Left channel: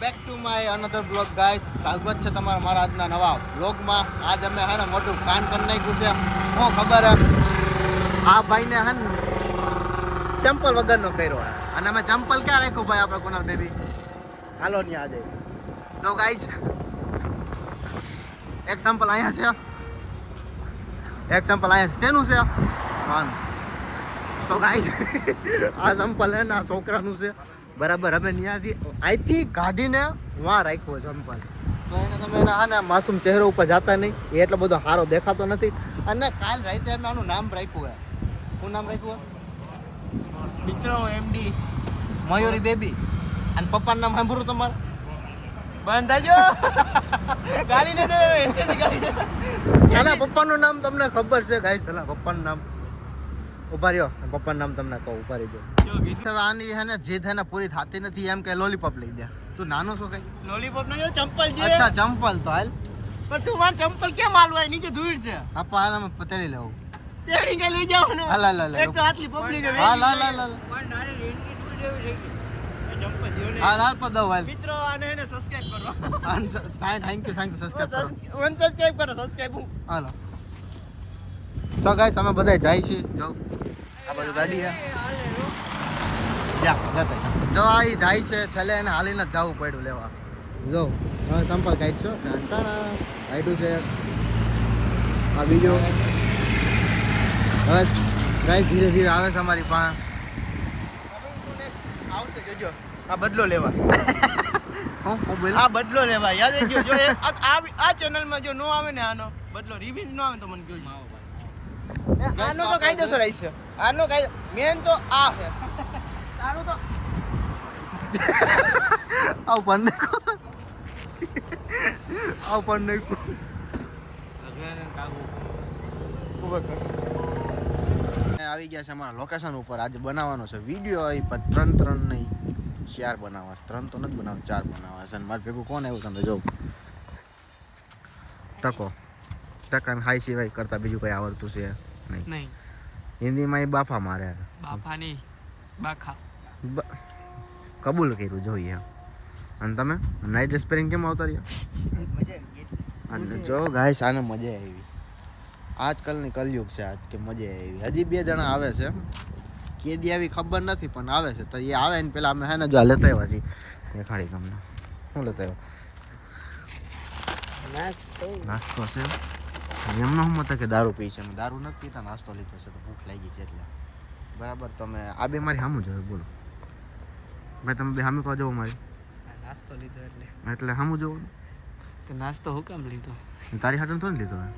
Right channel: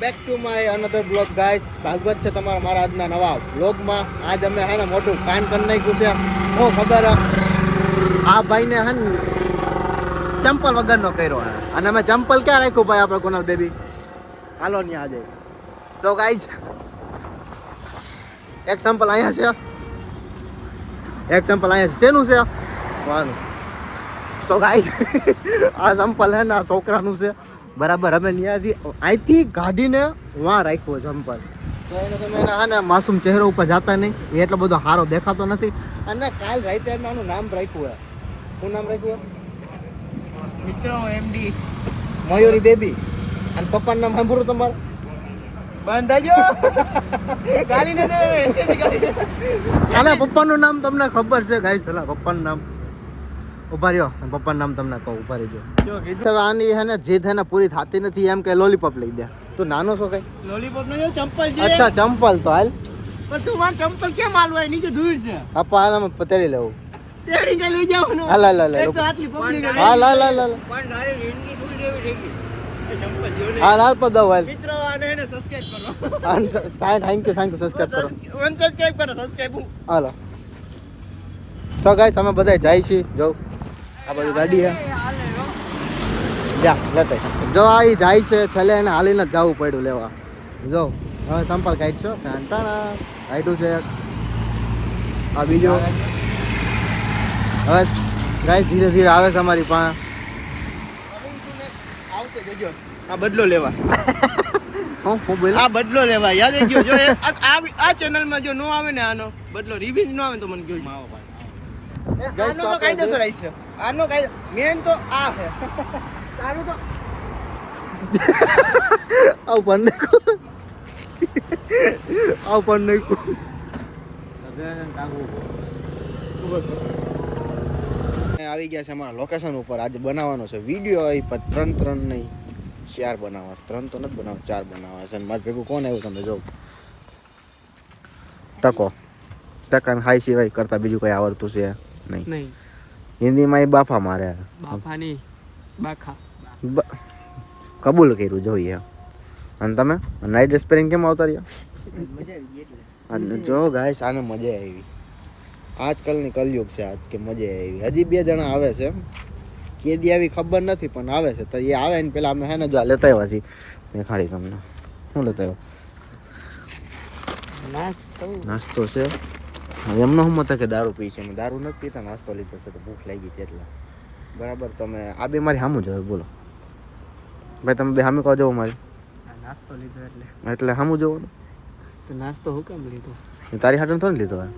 Back to my another blog guys. સ્વાગત છે તમારા મારા આજના નવા બ્લોગમાં. આજ અમે હે ને મોટું કાન કરી નાખ્યું છે. હું ખબર હે આ ભાઈને હે ને ચંપલ વગરનો કર્યો અને અમે ચંપલ ક્યાં રાખ્યું ભાઈ આપણે કોનલ બેબી હાલો ને આજે. સો ગાઈસ એક ચંપલ અહીંયા છે, એક ચંપલ અહીંયા છે. શેનું છે વાનું? તો ગાઈસ આ ચંપલ હે ને આ છોકરાનું છે બરાબર. અમે ત્યાંથી અહીંથી કાઢીને વાં રાખ્યો ચંપલ. તો એને તમે એને હા ને માસૂમ ચહેરો ઉપર જતા નહીં, એ એટલો બધો સારો દેખાતો નથી. અને કાલ રાતે અમે આનું નામ રાખ્યું હે. શું નામ રાખ્યું હે? મિત્રો એમડી મયુરી બેબી. અને પપ્પાનું નામ સાંભળ્યું તમારે? બંધાજો ગાલી ન દે એસેજી ગાલી. આના પપ્પાનું નામ તમને ખબર છે ગાઈસ? હલા પપ્પાનું નામ ઉભા રહ્યો, પપ્પાનું નામ તમને કહું, ઉભા રહી જાઓ. આની હે ને જીદ હે ને પૂરી થતી નથી, એમ કે લોલીપોપ લઈ દે. તું નાનો છો કઈ? લોલીપોપ નો ચંપલ દે. અચ્છા ચંપલ તો હાલ. પણ તું માર ચંપલ કેમ હાલવાય? નીચે ધૂળ છે. આપા હાલ અમે પતરી લેવું. તેડી કે લઈ જાવ ને. હાલ હાલ હાલ એક તો આટલી પબ્લિક હાલ હાલ હાલ હાલ પણ ડારે જિંદગી ધૂળ જેવી થઈ ગઈ. એ ચંપલ જેવો ને. હાલ હાલ પદાવ હાલ. મિત્રો આને એને સબસ્ક્રાઇબ કરો. થેન્ક યુ સબસ્ક્રાઇબ કરો. અનસબસ્ક્રાઇબ કરો, સબસ્ક્રાઇબ. હાલો. તો ગાઈસ અમે બધા જાય છીએ. જો આ બધું ગાડી હે, જા લેતા જો આ ઈ જાય છે. છેલ્લે એને હાલીને જ જવું પડ્યું લેવા. જો હવે સંપલ કાઢ છો કાઢ્યું છે. આ બીજો બસ ગાઈસ ધીરે ધીરે આવે છે અમારી પાસે. આવશે જોજો આ બદલો લેવા. હું બોલ આ બદલો લેવા યાદ રહી ગયો. જો આ ચેનલ માં જો નો આવે ને આનો બદલો રિવ્યુ નો આવે તો મને કયો માવો ભાઈ. આનો તો કાયદેસર છે. આનો કાયદો મેન તો આ છે. તારું તો આવ પણ નાખો, આવ પણ નાખો. આવી ગયા છે અમારા લોકેશન ઉપર. આજે બનાવવાનો છે વિડીયો. એ ત્રણ નહીં 4 બનાવવા. 3 તો નથી બનાવવા, 4 બનાવવા છે. મારે ભેગું કોણ આવ્યું તમે જો. ટકાને હાઈ સિવાય કરતા બીજું કઈ આવડતું છે નહીં. હિન્દીમાં એ બાફા મારે. બાફાની બાખા કબૂલ કર્યું જોઈએ. અને તમે નાઇટ ડ્રેસ પહેરીને કેમ આવતા રહ્યા? જો ગાઈસ આને મજા આવી. આજકાલની કલયુગ છે આજ કે મજા આવી. હજી 2 જણા આવે છે, કેદી આવી ખબર નથી પણ આવે છે. તો એ આવે ને પેલા અમે હે ને જો લેતા આવ્યા છીએ. ખાડી તમને શું લેતા આવ્યો? નાસ્તો છે. એમનો શું મત કે દારૂ પી છે? અમે દારૂ નથી પીતા, નાસ્તો લીધો છે તો ભૂખ લાગી છે એટલે. બરાબર. તમે આ બે મારી સામું જોવે બોલો ભાઈ. તમે બે સામે કહો જવો મારી. નાસ્તો લીધો એટલે સામું જોવાનું. તો નાસ્તો હું કામ લીધો? તારી હાટને થોડી લીધો હે,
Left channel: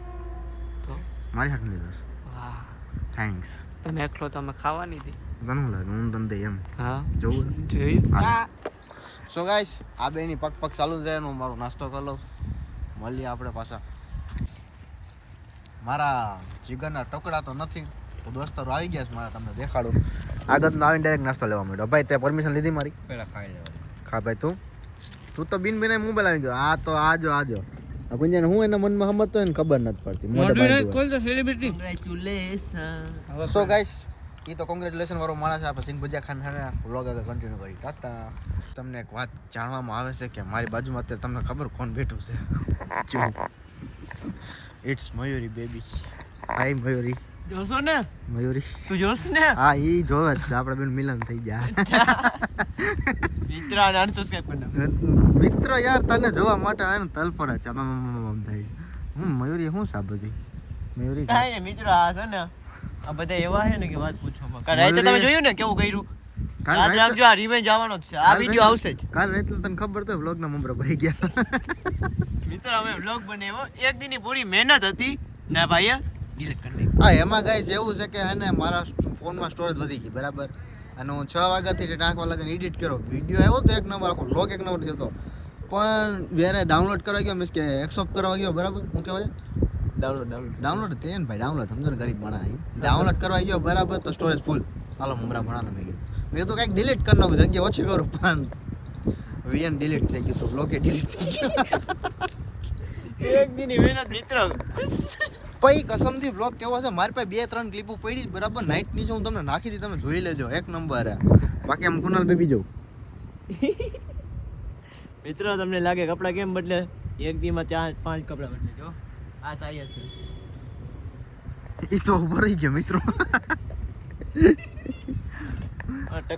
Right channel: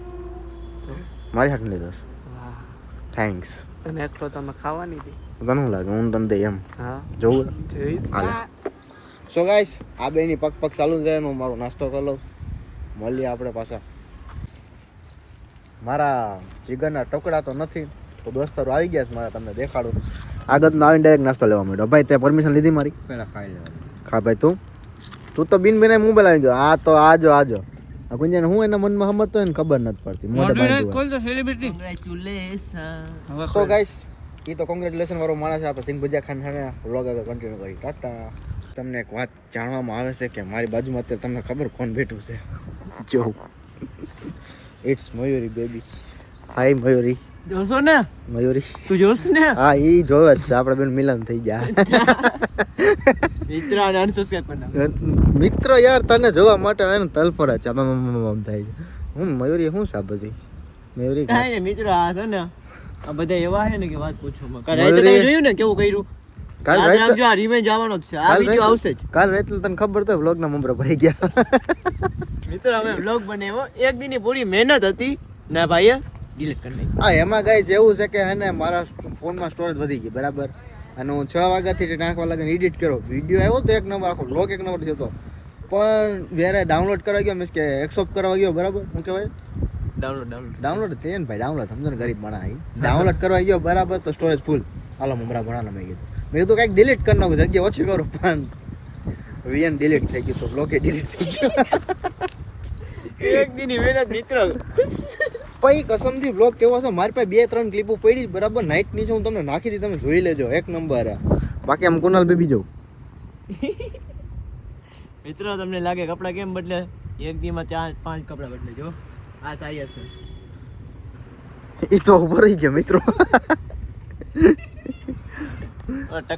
મારી હાટને લીધો છે. વાહ થેન્ક્સ. તને એકલો તમે ખાવાની હતી. તને શું લાગે હું તને દે એમ હા જોવું? જોઈ હાલે. સો ગાઈસ આ બેની પગ ચાલુ છે. હું મારો નાસ્તો કરી લઉં. મળીએ આપણે પાછા. મારા જીગરના ટુકડા તો નથી તો દોસ્તારો આવી ગયા છે મારા. તમને દેખાડું. આગળનો આવીને ડાયરેક્ટ નાસ્તો લેવા માંડ્યો. ભાઈ તે પરમિશન લીધી મારી? પેલા ખાઈ લેવા. ખા ભાઈ. તું તો બિન બેને મોબાઈલ આવી ગયો. આ તો આજો આ ગુંજાને હું એના મનમાં સમજતો હોય ને ખબર નથી પડતી. કોલ તો સેલિબ્રિટી. કોંગ્રેચ્યુલેશન. સો ગાઈસ એ તો કોંગ્રેચ્યુલેશન વાળો માણસ છે. આપણે સિંગ ભજીયા ખાન વ્લોગ આગળ કન્ટિન્યુ કરી. ટાટા. તમને એક વાત જાણવામાં આવે છે કે મારી બાજુમાં અત્યારે તમને ખબર કોણ બેઠું છે? જો ઇટ્સ મયુરી બેબી. હાય મયુરી. જોશો ને મયુરી તું જોશ ને? હા ઈ જોવે જ છે. આપણે બેન મિલન થઈ ગયા. મિત્ર અને અનસબસ્ક્રાઇબ કરના. મિત્ર યાર તને જોવા માટે આવે ને તલફડા છે. આમ થાય છે. હું મયુરી શું છે બધી? મયુરી કાઈ ને મિત્રો આ છે ને આ બધા એવા છે ને કે વાત પૂછવામાં. કાલ રાતે જોયું ને કેવું કર્યું? કાલ રાતે જો આ રિવેન્જ આવવાનો જ છે. આ વિડિયો આવશે જ. કાલ રાતે તને ખબર તો વ્લોગ ના મમરા ભરી ગયા. મિત્રો અમે વ્લોગ બનાવ્યો. એક દિનની પૂરી મહેનત હતી ને ભાઈએ ડિલીટ કરી નાખ્યું. હા એમાં ગાઈસ એવું છે કે હે ને મારા ફોનમાં સ્ટોરેજ વધી ગઈ બરાબર. અને હું 6 વાગ્યાથી 8 વાગ્યા લગીને એડિટ કર્યો. વિડીયો આવ્યો તો 1 નંબર, આખો વ્લોગ 1 નંબર થયો. પણ વેરે ડાઉનલોડ કરવા ગયો, મીન્સ કે એક્સેપ્ટ કરવા ગયો બરાબર. શું કહેવાય? ડાઉનલોડ થઈ ને ભાઈ. ડાઉનલોડ સમજો ને ગરીબ માણસ. ડાઉનલોડ કરવા ગયો બરાબર તો સ્ટોરેજ ફૂલ. હાલો મમરા ભણાના મેં કીધું. મેં તો કંઈક ડિલીટ કરી નાખું, જગ્યા ઓછી કરો. પણ વીએન ડિલીટ થઈ ગયું તો બ્લોકે ડિલીટ થઈ ગયો. એક દિનની મહેનત મિત્રો. પછી કસમથી વ્લોગ કેવો છે. મારી પાસે 2-3 ક્લિપો પડી બરાબર. નાઇટ ની છે હું તમને નાખી દી, તમે જોઈ લેજો. 1 નંબર. બાકી આમ કુનાલ બેબી જવું મિત્રો તમને લાગે કપડા કેમ બદલે? એક દીમાં 4-5 કપડા બદલે. જો આ સાઈ હશે. એ તો ઉભો રહી ગયો મિત્રો.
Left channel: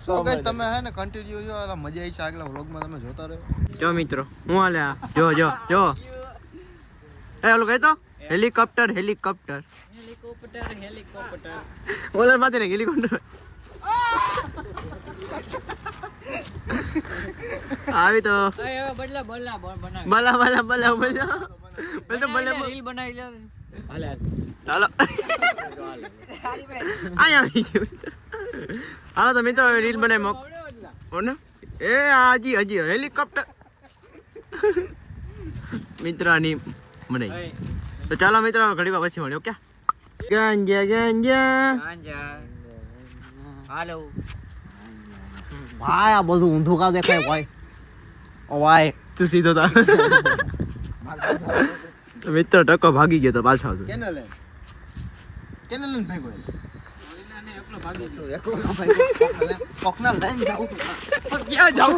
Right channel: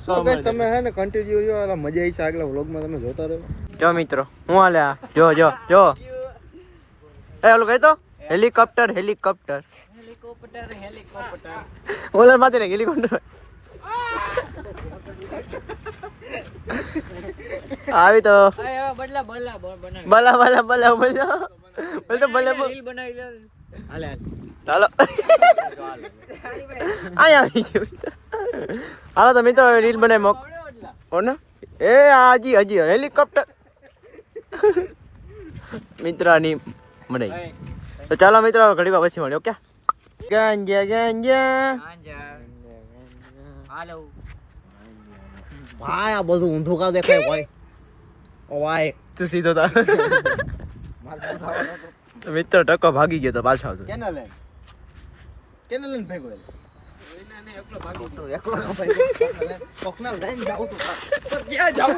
So guys, તમે હે ને કન્ટિન્યુ જો આ મજા આવી છે આગલા વ્લોગમાં તમે જોતા રહો. જો મિત્રો હું હાલે આ જો એ ઓલું કહી તો હેલિકોપ્ટર ઓલા માથે ને હેલિકોપ્ટર આવી તો બલા ચાલો હાલો તો મિત્રો રીલ બનાવી મોક કોને એ હજી હેલિકોપ્ટર મિત્રની બનાવી તો ચાલો મિત્રો ઘડી વાર પછી મળ્યો ક્યાં ગાંજા હાલો ભાઈ આ બધું ઊંધું કા દેખાય ભાઈ ઓ ભાઈ તું સીધો તા મિત્ર ટકો ભાગી ગયો તો પાછો કેને લઈને ભેગો એકલો ભાગી ગયો એકલો ના ભેગો કોકના લઈને જાવ તો ક્યાં જાવ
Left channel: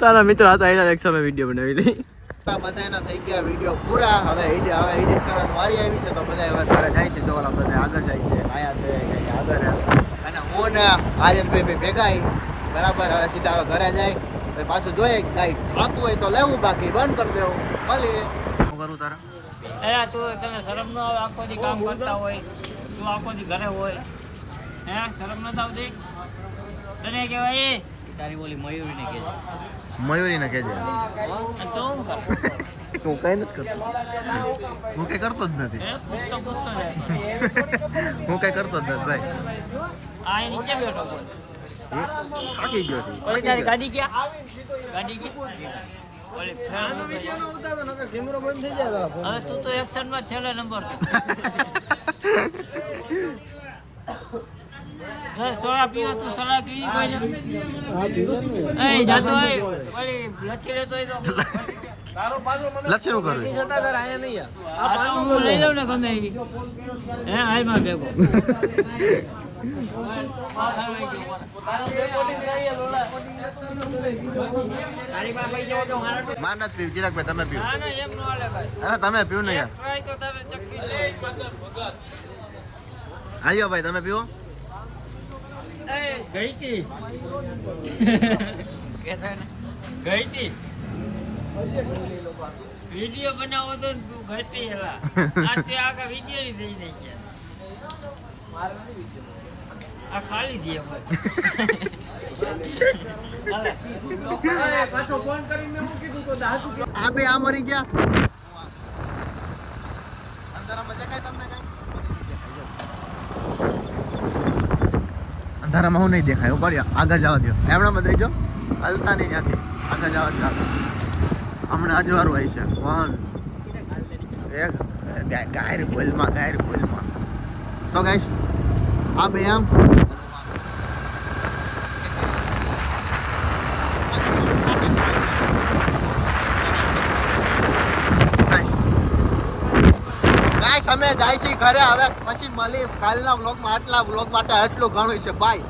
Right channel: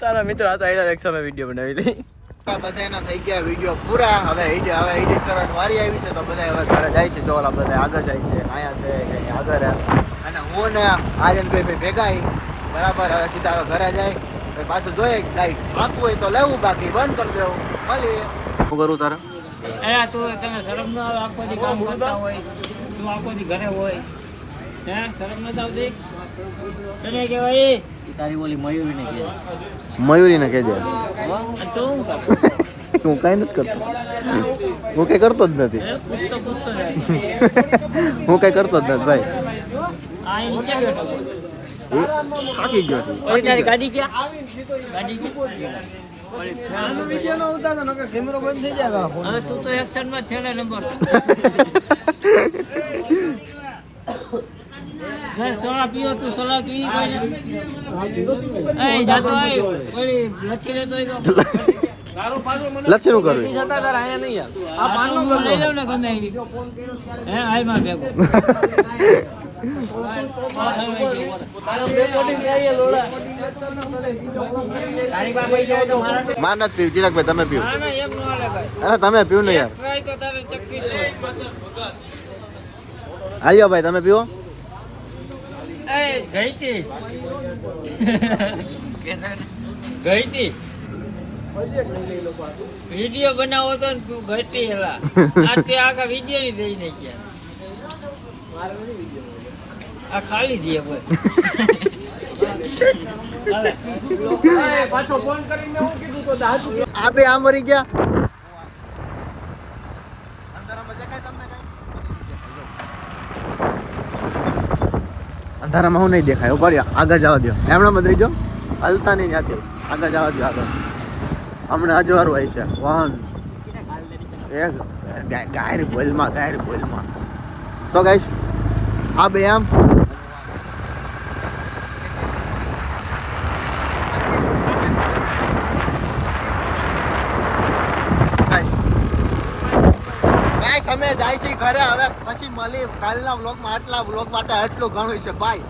ચાલો મિત્રો આ તો એના એક સમય વિડીયો બનાવી લઈ બધાના થઈ ગયા વિડીયો પૂરા હવે એડિટ કરવાની વારી આવી છે તો બધા હવે ઘરે જાય છે તો ઓલા બધા આગળ જાય છે અહીંયા છે કે આગળ અને હું ને આર્યનભાઈ ભેગા બરાબર હવે સીધા હવે ઘરે જાય પછી પાછું જોઈએ કાંઈ ખાતું હોય તો લેવું બાકી બંધ કરી દેવું મળીએ શું કરું તારા તમે શરમ ન આવે આખો દી કામ કરતા હોય તું આખો દી ઘરે હોય હે શરમ ન આવતી તને કહેવાય તારી ઓલી મયુરીને કહે મયુરીને કહેજે તું તું કાંઈ નથી કરતો હું કંઈ કરતો જ નથી હું કંઈ કરતો જ નથી ભાઈ આ નીચે બેઠો થાકી ગયો છું ઓલી તારી ગાડી ક્યાં આનો વિડીયો નો ઉતારો નકર કેમેરો બંધ થઈ જાય હવે તું તો એક્શન માં છેલ્લા નંબર સોડા પીવો તું સોડા પી કોઈને એ જાતો આય ઓલી લચ્છી લેતો હોય તો લક્ષી નું કરવું જતા તાર આયા નહીં યાર આ હું લઈ લઉં ને ગમે હે હાલ માં ભેગો માર નથી પીવું ચિરાગભાઈ તમે પીવું એમ નો હાલે ભાઈ અરે તમે પીવું ને યાર ટ્રાય તો તારે ચક્કી લે હાલ્યો ભાઈ તમે પીવો એ ગઈતી ગઈતી વિડિયો બનાવો તો ને તું ગઈતી હેલા આ તે આખા વિડિયો ની દઈ નહીં ગયા આ ખાલી દે ભાઈ પાછો ફોન કરીને હું કીધું તો દાસ આ બે આમ મરી ગયા અંધારામાં હું નહીં દેખાય ઉભા રહ્યો આગળ જવા દો એમણા મત રહીજો હલતા નહીં ત્યાંથી આગળ જવા દો આગળ હમણાં અજવારું આવી છે વાહન ગાયર બોલમાં સો ગાઈશ આ બે આમ ગાઈસ અમે જાય છે ઘરે હવે પછી મળી કાલના વ્લોગમાં આટલા વ્લોગ માટે આટલું ઘણું છે બાય